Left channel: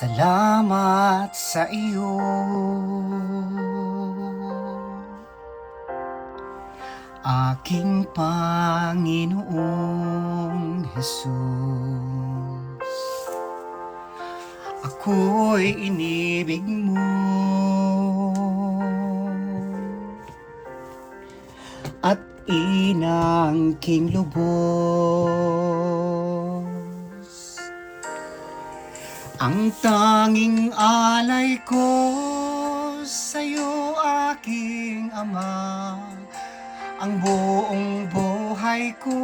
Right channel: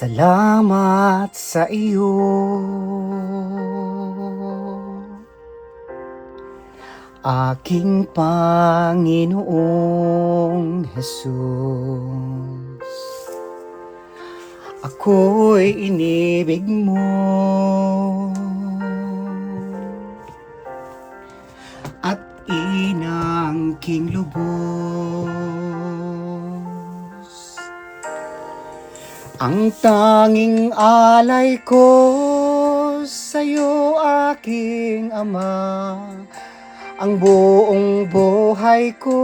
Salamat sa iyo, aking Panginoong Hesus. Ako'y inibig mo at inangking lubos. Ang tanging alay ko sa'yo, aking Ama, ang buong buhay ko,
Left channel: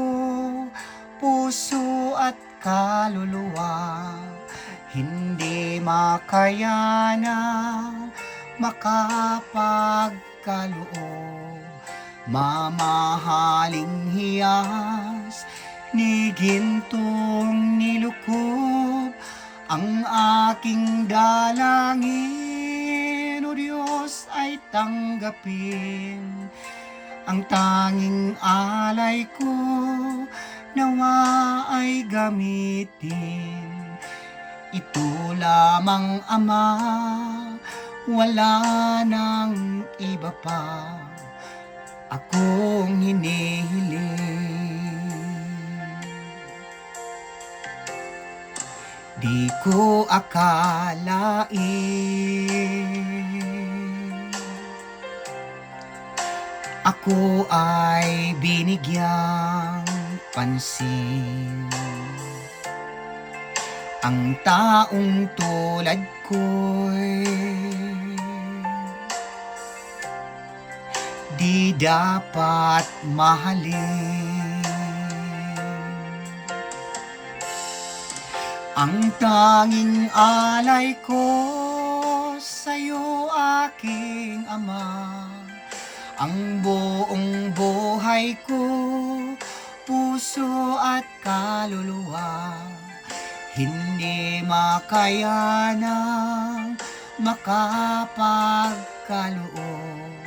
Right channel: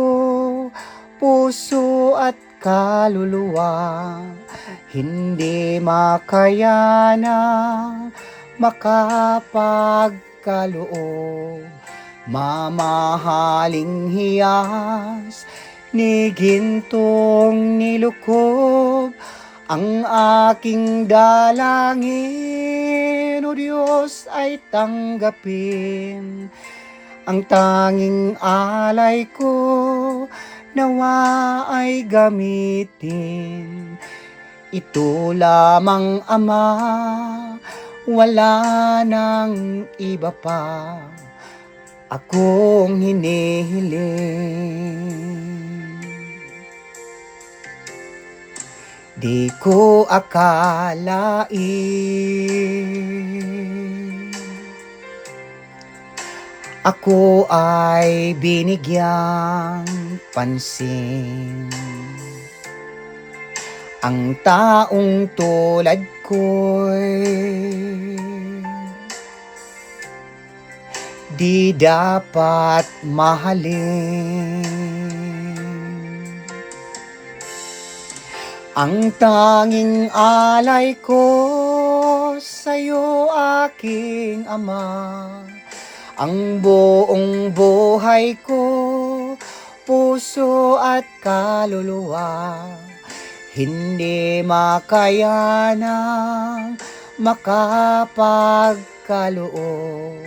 puso at kaluluwa, hindi makayanang makapagkaloob. Mamahaling hiyas ni gintong nilukob, ang aking dalangin, O Diyos, ay tanggapin. Ang tanging alay ko, nawa ay gamitin. Ito lamang, Ama, wala nang iba pa akong hinihiling. Di ko akalain ako ay binigyang pansin. Ang taong tulad ko'y di dapat mahalin. Ang tanging alay ko sa'yo, aking Ama, ang buong buhay ko, puso at kaluluwa, hindi makayanang makapagkaloob.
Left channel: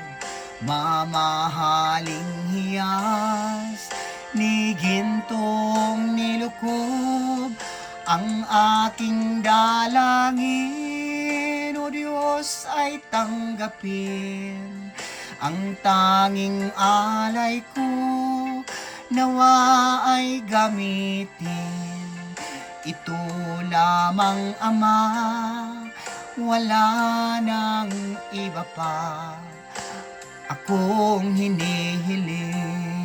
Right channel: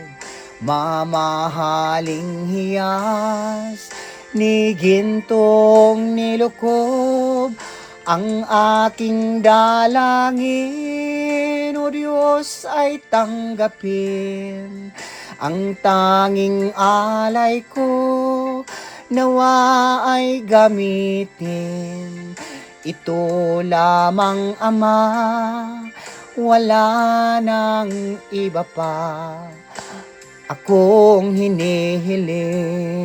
Mamahaling hiyas ni gintong nilukob, ang aking dalangin, O Diyos, ay tanggapin. Ang tanging alay ko, nawa ay gamitin. Ito lamang, Ama, wala nang iba pa akong hinihiling.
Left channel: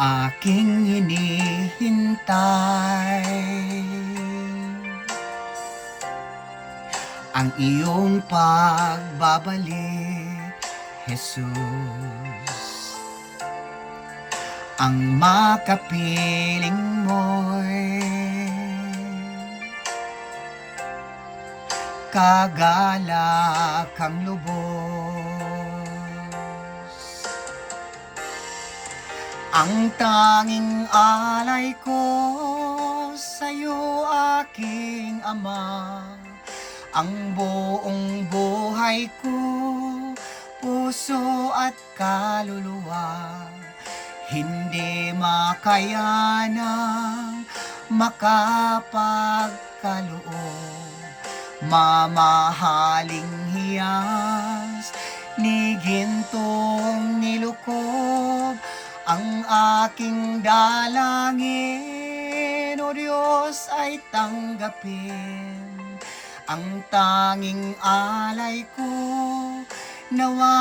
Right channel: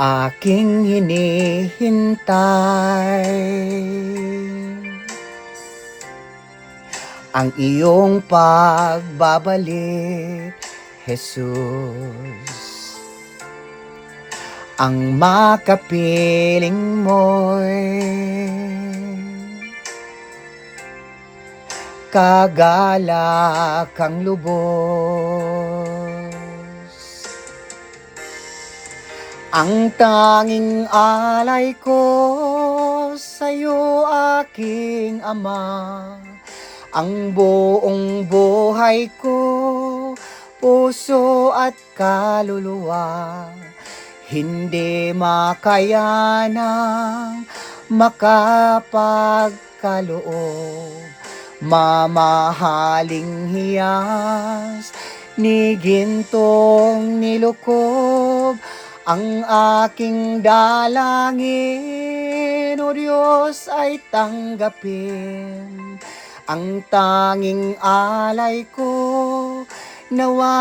Aking hinihintay ang iyong pagbabalik, Jesus. Ang makapiling mo'y kagalakang lubos. Ang tanging alay ko sa'yo, aking Ama, ang buong buhay ko, puso at kaluluwa, hindi makayanang makapagkaloob. Mamahaling hiyas ni gintong nilukob, ang aking dalangin, O Diyos, ay tanggapin. Ang tanging alay ko, nawa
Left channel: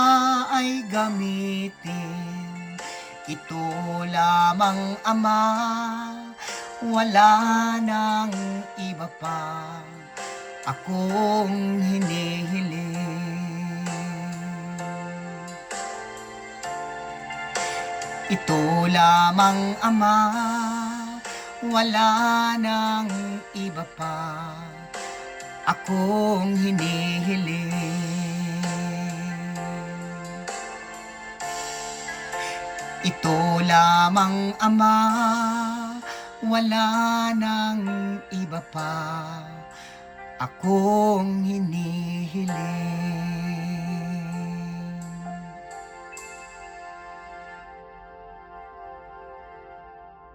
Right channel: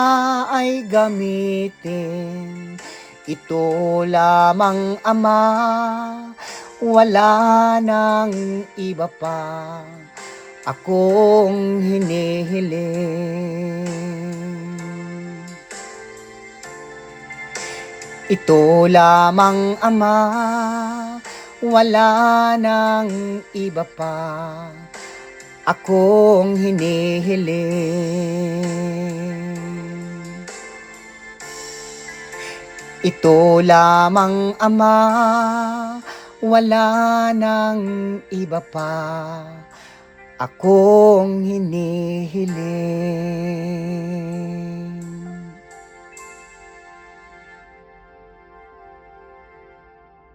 ay gamitin. Ito lamang, Ama, wala nang iba pa akong hinihiling. Ito lamang, Ama, wala nang iba pa akong hinihiling. Ito lamang, Ama, wala nang iba pa akong hinihiling.